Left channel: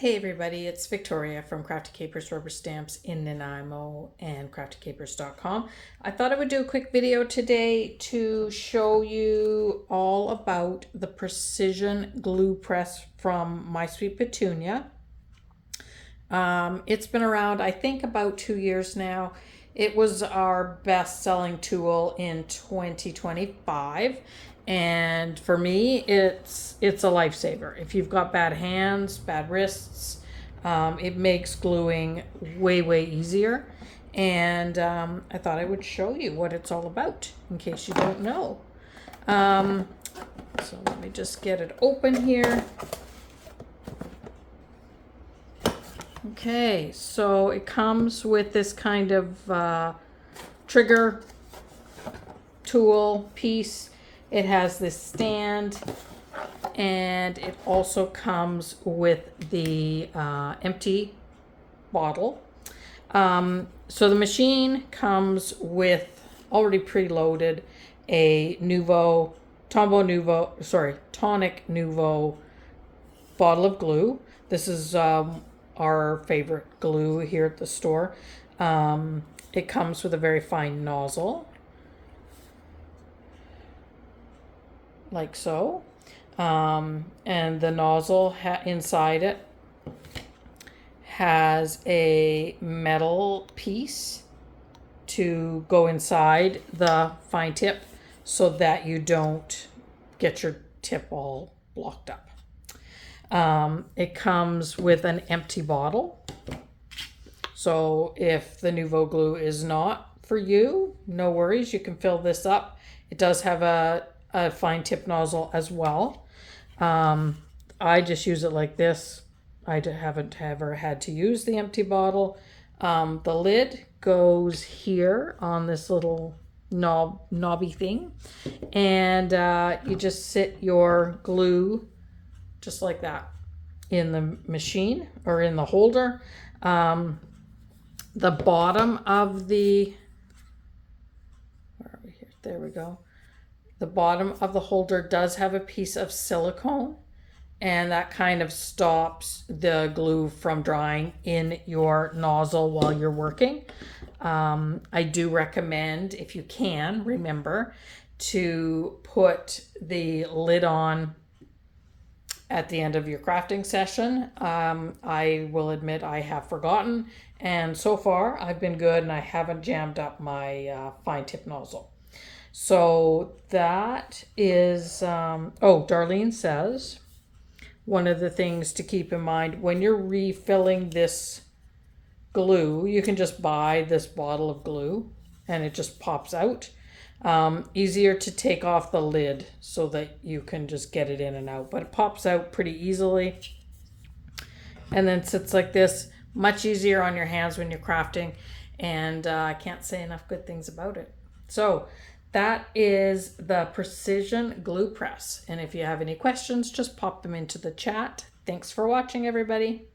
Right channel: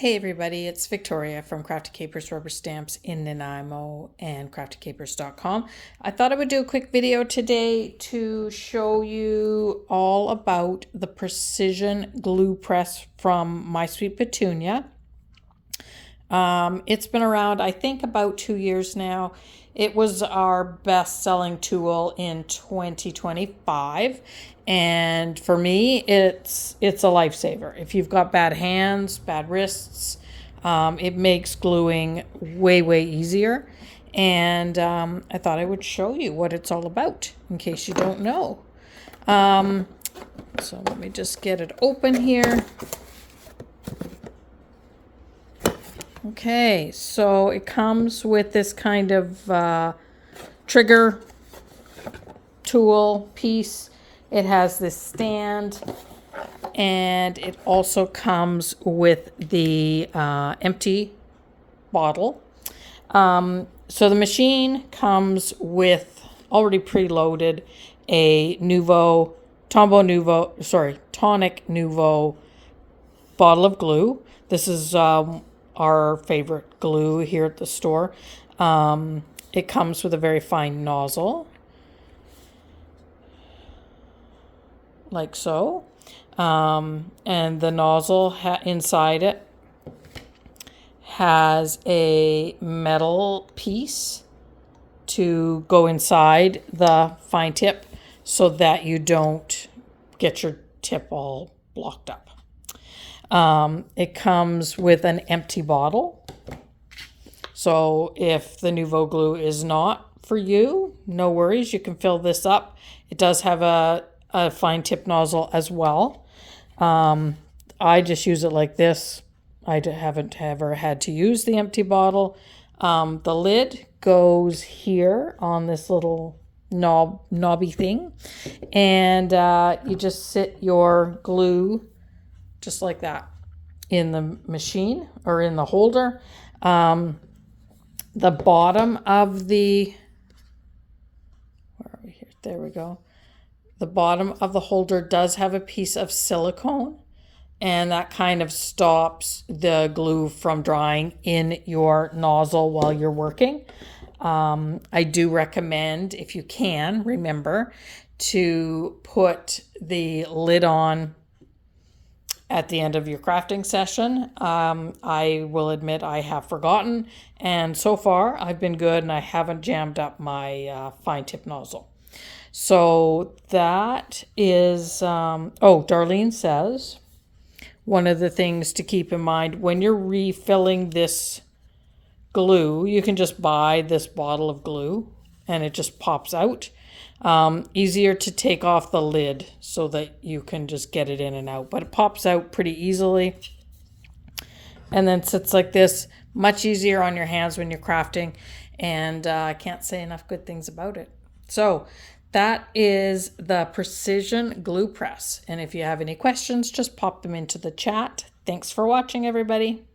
Hey everybody, it's Victoria from Crafty Capers Rubber Stamps in Nanaimo and craftycapers.com. I thought I would do a quick video today to show you all about the precision glue press from My Sweet Petunia. It's been around, I think, about 2 years now. It was our best-selling tool in 2025, and for me, it's a lifesaver. If you've got bad hands, bad wrists, it makes gluing way easier. And I thought I would show you what it's all about in case you don't know. So let me just get it open here. Okay, so it comes with this kind of trigger tool piece. It has this stand, and it also comes with the empty bottle. So the machine comes with already preloaded a Tonic Nouveau bottle of glue. This is our favorite glue here at the store. It comes with a very fine nozzle, like so. And the nozzle inside it has a metal piece to go inside the fine tip so that you don't get your tip all blocked up. It comes with an empty bottle. So if the Nouveau glue is not for you, no worries, you can fill this up. It does have a fine tip nozzle as well. I just use it like this. I haven't ever had to use the empty bottle. The lid goes here on this little knobby thing, and you just sit your glue just like that in the machine or in the holder. The bottom of the, where are we here? There we go. The bottom of the holder does have a piece of silicone, and that kind of stops the glue from drying in your nozzle while you're working. I do recommend, if you can, remember to put the lid on at the end of your crafting session. I will admit I have forgotten, and so far I've been good and I haven't jammed up my fine tip nozzle. So that is, Darlene says, one of the things to keep in mind when you're refilling this glue, you can just buy this bottle of glue and it just pops out. Easier to take off the lid so that you can just get it in and out, but it pops out pretty easily and then sits like this. Much easier on your hands when you're crafting, and I can't say enough good things about it. So that is the Precision Glue Press, and if you have any questions, just pop them into the chat. Thanks for watching, everybody.